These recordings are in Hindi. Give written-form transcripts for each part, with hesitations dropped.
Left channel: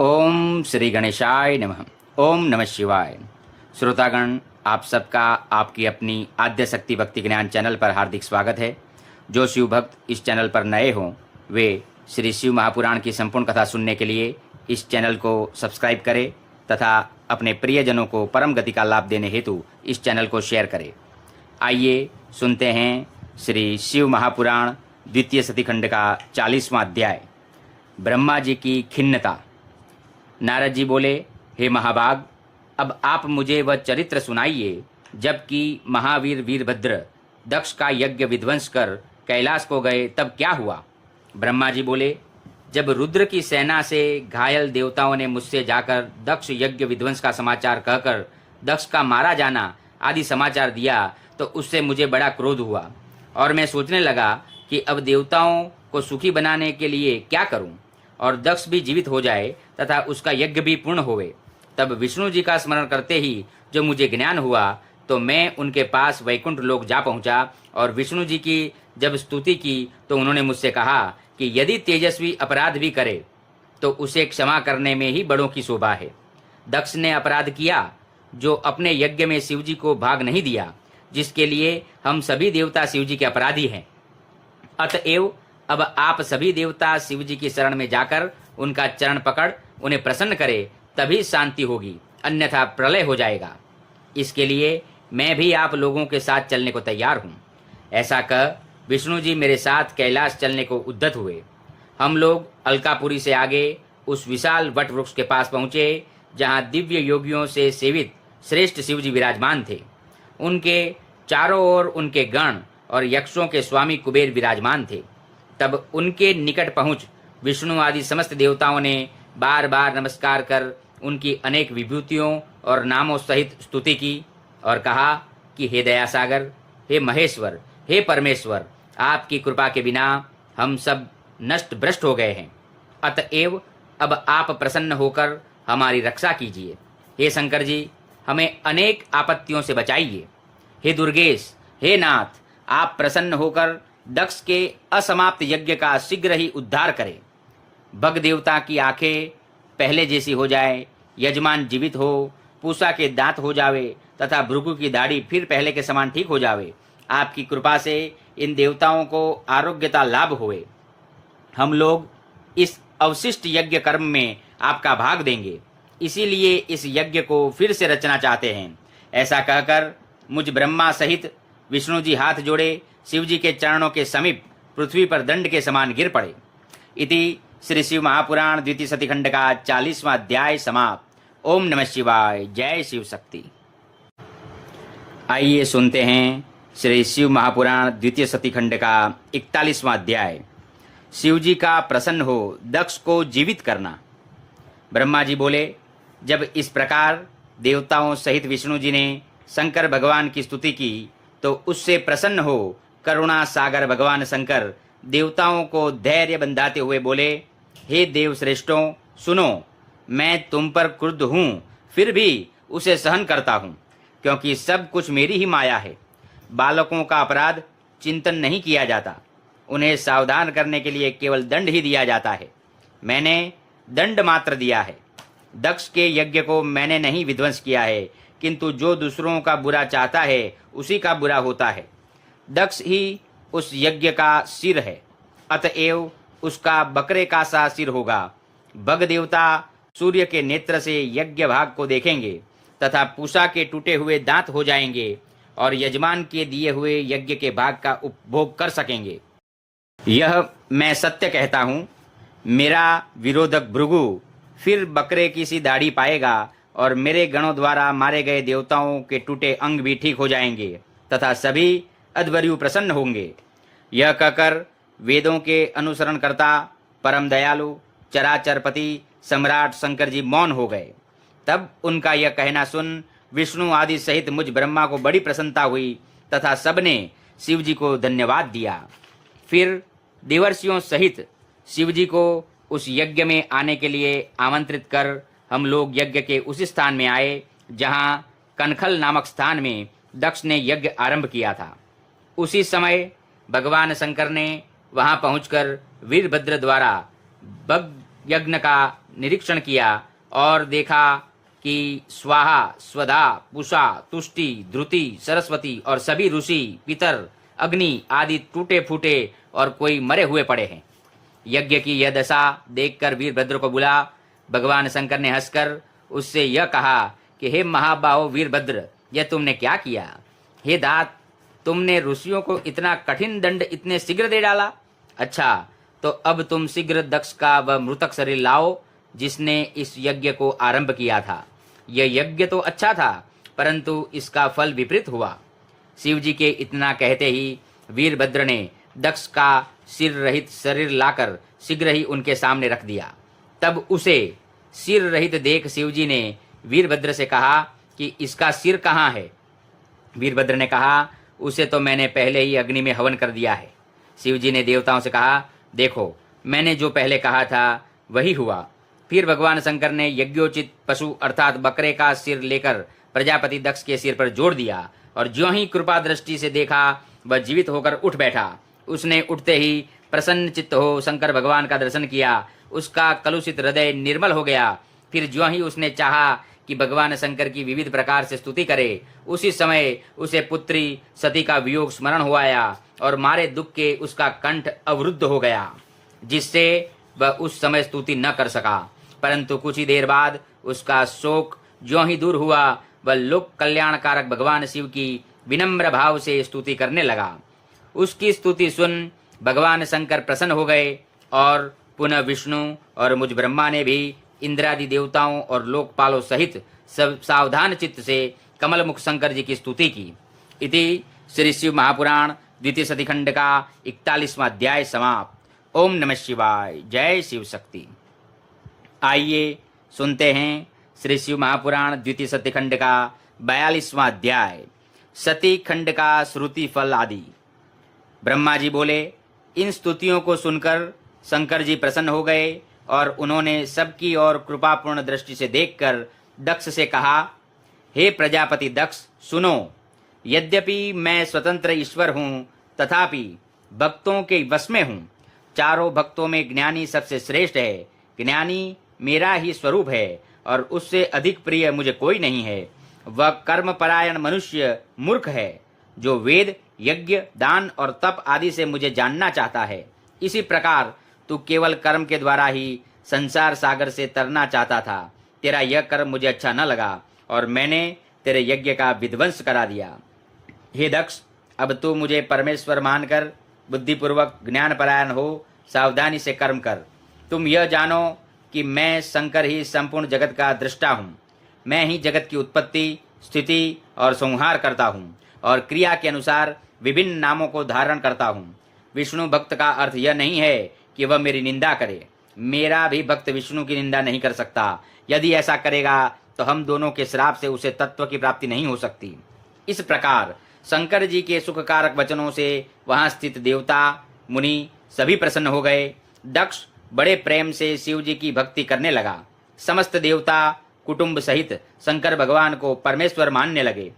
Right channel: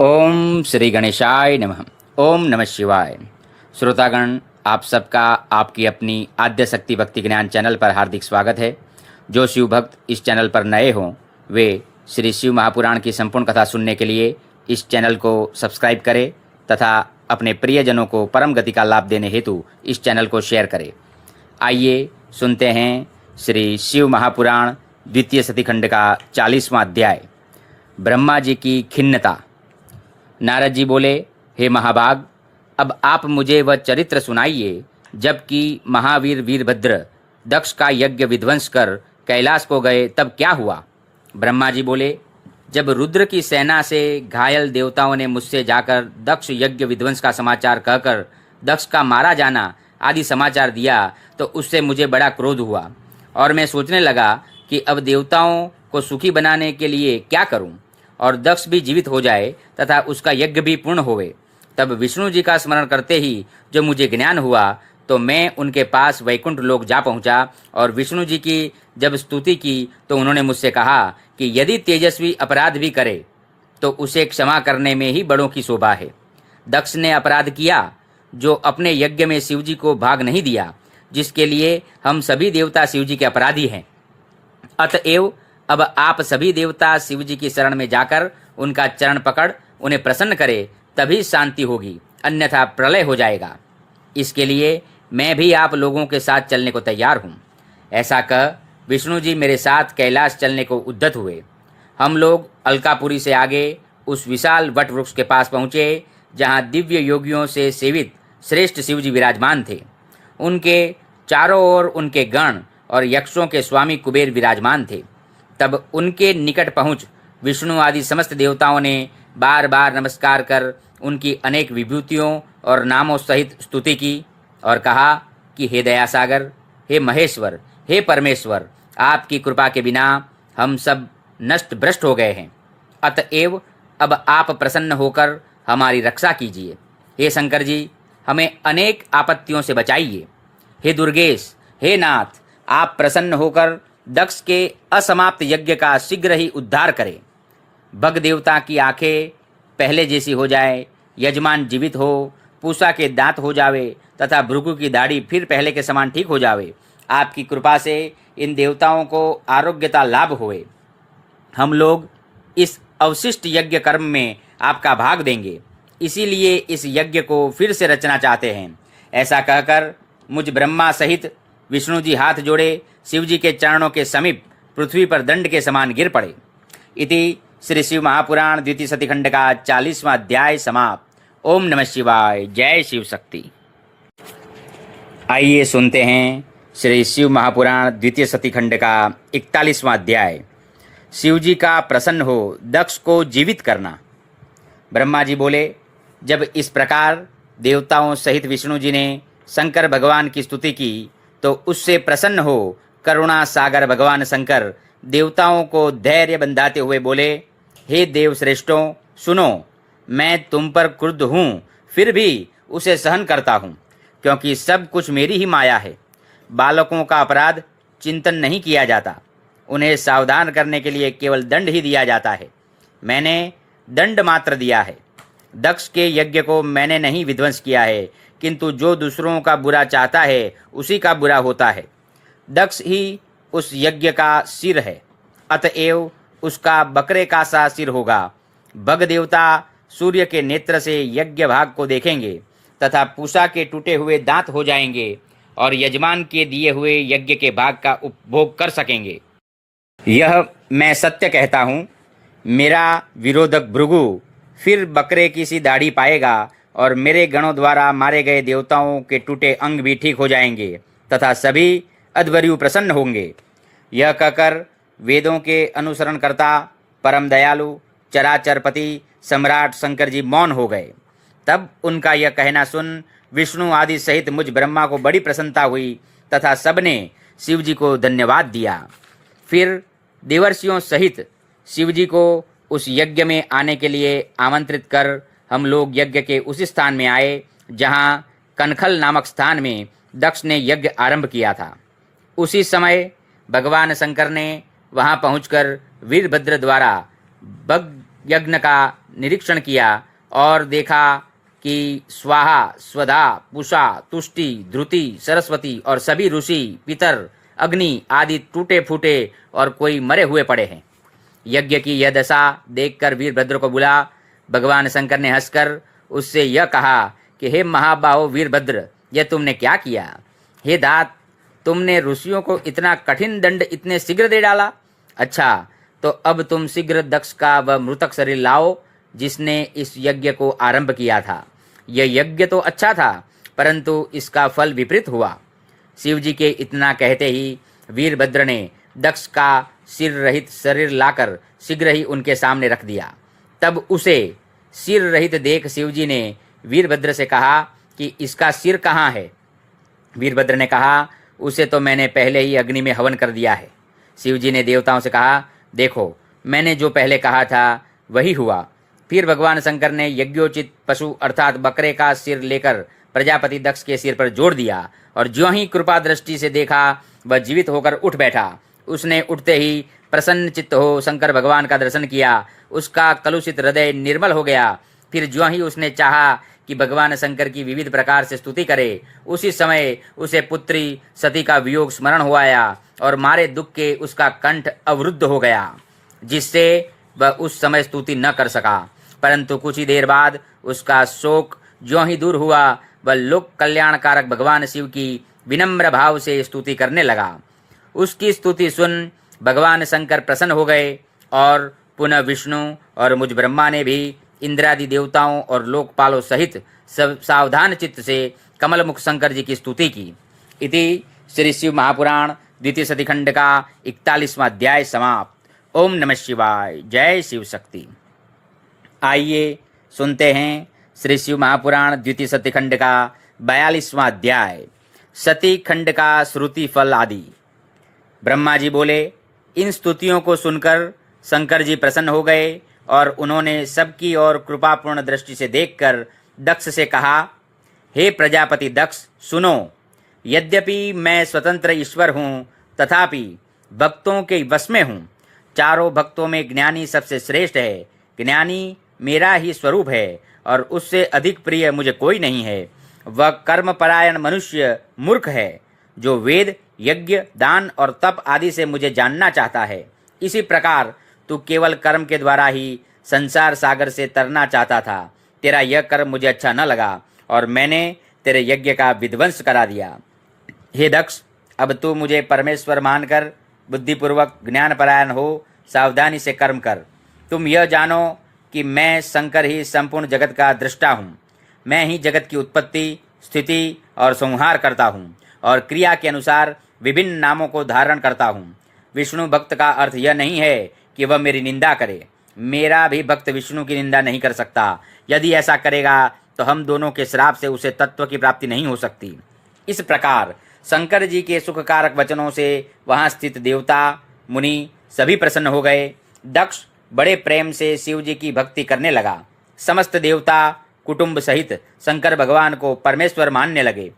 ओम श्री गणेशाय नमः। ओम नमः शिवाय। श्रोतागण, आप सबका आपकी अपनी आद्य शक्ति भक्ति ज्ञान चैनल पर हार्दिक स्वागत है। जो शिव भक्त इस चैनल पर नए हों वे श्री शिव महापुराण की संपूर्ण कथा सुनने के लिए इस चैनल को सब्सक्राइब करें तथा अपने प्रियजनों को परम गति का लाभ देने हेतु इस चैनल को शेयर करें। आइए सुनते हैं श्री शिव महापुराण द्वितीय सतीखंड का 40वां अध्याय, ब्रह्मा जी की खिन्नता। नारद जी बोले, हे महाभाग, अब आप मुझे वह चरित्र सुनाइए जबकि महावीर वीरभद्र दक्ष का यज्ञ विध्वंस कर कैलाश को गए तब क्या हुआ। ब्रह्मा जी बोले, जब रुद्र की सेना से घायल देवताओं ने मुझसे जाकर दक्ष यज्ञ विध्वंस का समाचार कहकर दक्ष का मारा जाना आदि समाचार दिया तो उससे मुझे बड़ा क्रोध हुआ और मैं सोचने लगा कि अब देवताओं को सुखी बनाने के लिए क्या करूं और दक्ष भी जीवित हो जाए तथा उसका यज्ञ भी पूर्ण होवे। तब विष्णु जी का स्मरण करते ही जो मुझे ज्ञान हुआ तो मैं उनके पास वैकुंठ लोक जा पहुंचा और विष्णु जी की जब स्तुति की तो उन्होंने मुझसे कहा कि यदि तेजस्वी अपराध भी करे तो उसे क्षमा करने में ही बड़ों की शोभा है। दक्ष ने अपराध किया जो अपने यज्ञ में शिव जी को भाग नहीं दिया, जिसके लिए हम सभी देवता शिव जी के अपराधी हैं। अतएव अब आप सभी देवता शिव जी की शरण में जाकर उनका चरण पकड़ उन्हें प्रसन्न करे, तभी शांति होगी, अन्यथा प्रलय हो जाएगा। इसके लिए मैं भी आप लोगों के साथ चलने को तैयार हूँ। ऐसा कह विष्णु जी मेरे साथ कैलाश चलने को उद्यत हुए। हम लोग अलकापुरी से आगे उस विशाल वट वृक्ष के पास पहुँचे जहाँ दिव्य योगियों से सेवित श्रेष्ठ शिव जी विराजमान थे। उनके चारों ओर उनके गण और यक्षों के स्वामी कुबेर विराजमान थे। तब उनके निकट पहुंच विष्णु आदि समस्त देवताओं ने बार बार नमस्कार कर उनकी अनेक विभूतियों और नामों सहित स्तुति की और कहा कि हे दयासागर, हे महेश्वर, हे परमेश्वर, आपकी कृपा के बिना हम सब नष्ट भ्रष्ट हो गए हैं। अतएव अब आप प्रसन्न होकर हमारी रक्षा कीजिए। हे शंकर जी, हमें अनेक आपत्तियों से बचाइए। हे दुर्गेश, हे नाथ, आप प्रसन्न होकर दक्ष के असमाप्त यज्ञ का शीघ्र ही उद्धार करें। भग देवता की आंखें पहले जैसी हो जाए, यजमान जीवित हो, पूषा के दांत हो जावे तथा भृगु की दाढ़ी फिर पहले के समान ठीक हो जावे। आपकी कृपा से इन देवताओं को आरोग्यता लाभ होए। हम लोग इस अवशिष्ट यज्ञ कर्म में आपका भाग देंगे, इसीलिए इस यज्ञ को फिर से रचना चाहते हैं। ऐसा कहकर मुझ ब्रह्मा सहित विष्णु जी हाथ जोड़े शिव जी के चरणों के समीप पृथ्वी पर दंड के समान गिर पड़े। इति श्री शिव महापुराण द्वितीय सतीखंड का 40वां अध्याय समाप्त। ओम नमः शिवाय। जय शिव शक्ति। आइए सुनते हैं श्री शिव महापुराण द्वितीय सतीखंड का 41वां अध्याय, शिव जी का प्रसन्न हो दक्ष को जीवित करना। ब्रह्मा जी बोले, जब इस प्रकार देवताओं सहित विष्णु जी ने शंकर भगवान की स्तुति की तो उससे प्रसन्न हो करुणा सागर भगवान शंकर देवताओं को धैर्य बंधाते हुए बोले, हे देव श्रेष्ठों, सुनो, मैं तुम पर क्रुद्ध हूँ, फिर भी उसे सहन करता हूँ, क्योंकि सब कुछ मेरी ही माया है। बालकों का अपराध चिंतन नहीं किया जाता, उन्हें सावधान करने के लिए केवल दंड ही दिया जाता है। मैंने दंड मात्र दिया है। दक्ष के यज्ञ को मैंने नहीं विध्वंस किया है, किंतु जो दूसरों का बुरा चाहता है उसी का बुरा होता है। दक्ष ही उस यज्ञ का सिर है, अतएव उसका बकरे का सा सिर होगा। भग देवता सूर्य के नेत्र से यज्ञ भाग को देखेंगे तथा पूषा के टूटे हुए दांत हो जाएंगे और यजमान के दिए हुए यज्ञ के भाग का उपभोग कर सकेंगे। यह मैं सत्य कहता हूँ। मेरा विरोधक भृगु फिर बकरे की सी दाढ़ी पाएगा और मेरे गणों द्वारा मारे गए देवताओं के टूटे अंग भी ठीक हो जाएंगे तथा सभी अध्वर्यु प्रसन्न होंगे। यह कहकर वेदों के अनुसरण करता परम दयालु चराचरपति सम्राट शंकर जी मौन हो गए। तब उनका यह कहना सुन विष्णु आदि सहित मुझ ब्रह्मा को बड़ी प्रसन्नता हुई तथा सबने शिव जी को धन्यवाद दिया। फिर देवर्षियों सहित शिव जी को उस यज्ञ में आने के लिए आमंत्रित कर हम लोग यज्ञ के उसी स्थान में आए जहाँ कनखल नामक स्थान में दक्ष ने यज्ञ आरंभ किया था। उसी समय भगवान शंकर ने वहां पहुंचकर वीरभद्र द्वारा भग यज्ञ का निरीक्षण किया और देखा कि स्वाहा, स्वधा, पुषा, तुष्टि, ध्रुति, सरस्वती और सभी ऋषि, पितर, अग्नि आदि टूटे फूटे और कोई मरे हुए पड़े हैं। यज्ञ की यह दशा देखकर वीरभद्र को बुला भगवान शंकर ने हंसकर उससे यह कहा कि हे महाबाहो वीरभद्र, यह तुमने क्या किया? हे दात, तुमने ऋषियों को इतना कठिन दंड इतने शीघ्र दे डाला। अच्छा, तो अब तुम शीघ्र दक्ष का वह मृतक शरीर लाओ जिसने इस यज्ञ को आरंभ किया था। यह यज्ञ तो अच्छा था, परंतु इसका फल विपरीत हुआ। शिव जी के इतना कहते ही वीरभद्र ने दक्ष का सिर रहित शरीर लाकर शीघ्र ही उनके सामने रख दिया। तब उसे सिर रहित देख शिव जी ने वीरभद्र से कहा कि इसका सिर कहाँ है? वीरभद्र ने कहा, उसे तो मैंने पहले ही अग्नि में हवन कर दिया है। शिव जी ने देवताओं से कहा, देखो, मैंने जो पहले कहा था वही हुआ। फिर भगवान शंकर ने यज्ञोचित पशु अर्थात बकरे का सिर लेकर प्रजापति दक्ष के सिर पर जोड़ दिया और ज्यों ही कृपा दृष्टि से देखा वह जीवित होकर उठ बैठा। उसने उठते ही प्रसन्न चित्त हो शंकर भगवान का दर्शन किया। उसका कलुषित हृदय निर्मल हो गया। फिर ज्यों ही उसने चाहा कि भगवान शंकर की विविध प्रकार से स्तुति करे, उसी समय उसे पुत्री सती का वियोग स्मरण हो आया और मारे दुख के उसका कंठ अवरुद्ध हो गया, जिससे वह उस समय स्तुति न कर सका। परंतु कुछ ही देर बाद उसका शोक ज्यों ही दूर हुआ, वह लोक कल्याणकारक भगवान शिव की विनम्र भाव से स्तुति करने लगा। उसकी स्तुति सुन भगवान शंकर प्रसन्न हो गए और पुनः विष्णु और मुझ ब्रह्मा ने भी इंद्रादि देवताओं और लोकपालों सहित सब सावधान चित्त से कमलमुख शंकर जी की स्तुति की। इति श्री शिव महापुराण द्वितीय सतीखंड का 41वां अध्याय समाप्त। ओम नमः शिवाय। जय शिव शक्ति। आइए सुनते हैं श्री शिव महापुराण द्वितीय सतीखंड का 42वां अध्याय, सती खंड का श्रुति फल आदि। ब्रह्मा जी बोले, इन स्तुतियों को सुनकर शंकर जी प्रसन्न हो गए और उन्होंने सबकी ओर कृपापूर्ण दृष्टि से देखकर दक्ष से कहा, हे प्रजापति दक्ष, सुनो, यद्यपि मैं स्वतंत्र ईश्वर हूँ तथापि भक्तों के वश में हूँ। चारों भक्तों में ज्ञानी सबसे श्रेष्ठ है। ज्ञानी मेरा ही स्वरूप है और उससे अधिक प्रिय मुझे कोई नहीं है। वह कर्मपरायण मनुष्य मूर्ख है, जो वेद, यज्ञ, दान और तप आदि से मुझे जानना चाहता है। इसी प्रकार तू केवल कर्म के द्वारा ही संसार सागर से तरना चाहता था। तेरा यह कर्म मुझे अच्छा न लगा और मैंने तेरे यज्ञ का विध्वंस करा दिया। हे दक्ष, अब तू मुझे परमेश्वर मानकर बुद्धिपूर्वक ज्ञानपरायण हो, सावधानी से कर्म कर। तुम यह जानो कि मैं शंकर ही संपूर्ण जगत का दृष्टा हूँ। मैं ही जगत की उत्पत्ति, स्थिति और संहार करता हूँ और क्रिया के अनुसार विभिन्न नामों को धारण करता हूँ। विष्णु भक्त का अर्थ यह नहीं है कि वह मेरी निंदा करे। मेरा भी भक्त विष्णु की निंदा नहीं कर सकता। यदि ऐसा करेगा तो हम दोनों के श्राप से उसे तत्व की प्राप्ति नहीं हो सकती। इस प्रकार शंकर जी के सुखकारक वचनों से वहां स्थित देवता, मुनि सभी प्रसन्न हो गए। दक्ष बड़े प्रेम से शिव जी की भक्ति करने लगा। समस्त देवता कुटुंब सहित शंकर भगवान को परमेश्वर मानने लगे।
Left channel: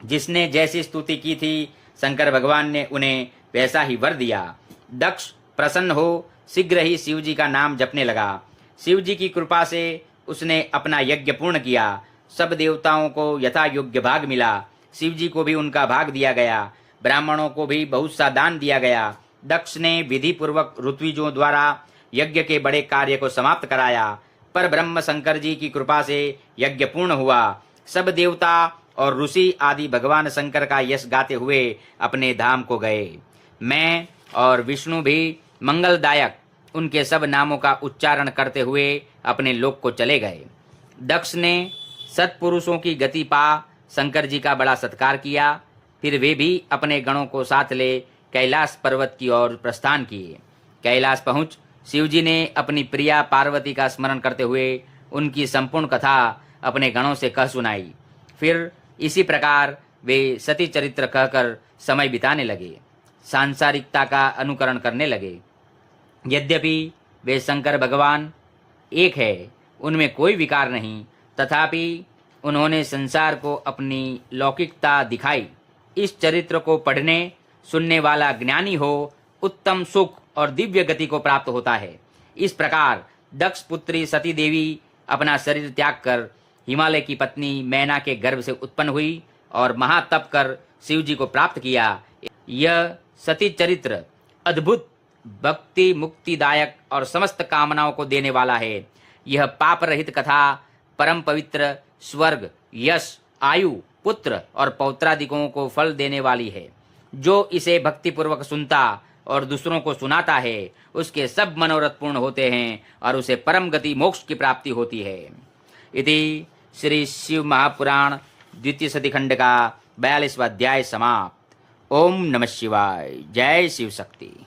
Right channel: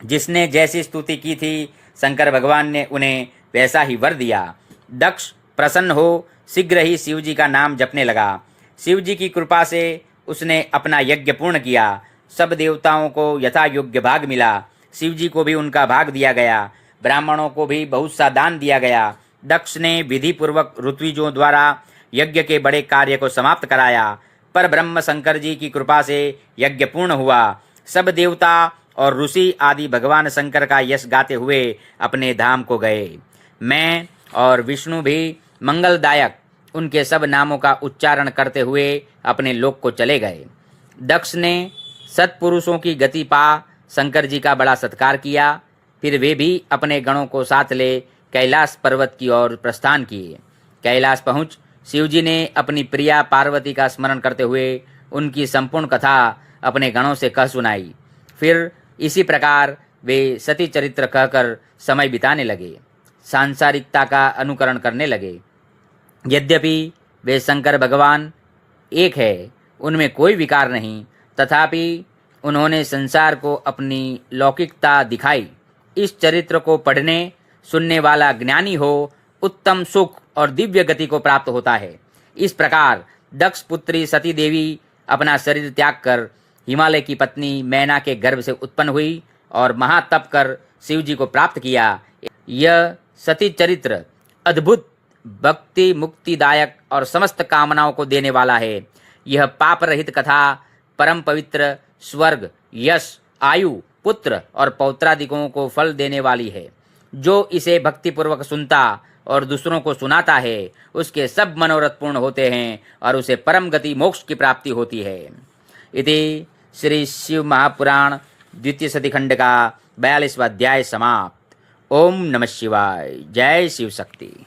जिसने जैसी स्तुति की थी, शंकर भगवान ने उन्हें वैसा ही वर दिया। दक्ष प्रसन्न हो शीघ्र ही शिव जी का नाम जपने लगा। शिव जी की कृपा से उसने अपना यज्ञ पूर्ण किया। सब देवताओं को यथा योग्य भाग मिला। शिव जी को भी उनका भाग दिया गया। ब्राह्मणों को भी बहुत सा दान दिया गया। दक्ष ने विधि पूर्वक ऋत्विजों द्वारा यज्ञ के बड़े कार्य को समाप्त कराया। पर ब्रह्म शंकर जी की कृपा से यज्ञ पूर्ण हुआ। सब देवता और ऋषि आदि भगवान शंकर का यश गाते हुए अपने धाम को गए। मैं और विष्णु भी मंगलदायक उनके सब नामों का उच्चारण करते हुए अपने लोक को चले गए। दक्ष ने सत्पुरुषों की गति पा शंकर जी का बड़ा सत्कार किया। फिर वे भी अपने गणों को साथ ले कैलाश पर्वत की ओर प्रस्थान किए। कैलाश पहुंच शिव जी ने अपनी प्रिया पार्वती का स्मरण करते हुए उनकी संपूर्ण कथा अपने गणों से कह सुनाई। फिर इसी प्रकार वे सती चरित्र कहकर समय बिताने लगे, सांसारिकता का अनुकरण करने लगे। यद्यपि वे शंकर भगवान एक है, उनमें कोई विकार नहीं, तथापि उन्होंने संसार को अपनी लौकिकता दिखाई। इस चरित्र को पढ़ने सुनने वाला ज्ञानी हो उत्तम सुख और दिव्य गति को प्राप्त होता है। इस प्रकार दक्ष पुत्री सती देवी अपना शरीर त्याग कर हिमालय की पत्नी मैना के गर्भ से उत्पन्न हुई और महातप कर शिव जी को प्राप्त किया। यह सती चरित्र अद्भुत भक्ति मुक्तिदायक और समस्त कामनाओं को देने वाला है। यह पाप रहित कथा परम पवित्र, स्वर्ग, यश, आयु, पुत्र और पौत्रादिकों को फल देने वाली है। जो इसे भक्तिपूर्वक सुनता और दूसरों को सुनाता है उसके सब मनोरथ पूर्ण होते हैं और उसे परम गति मोक्ष की प्राप्ति होती है। इति श्री शिव महापुराण द्वितीय सती खंड का 42वां अध्याय समाप्त। ओम नमः शिवाय। जय शिव शक्ति।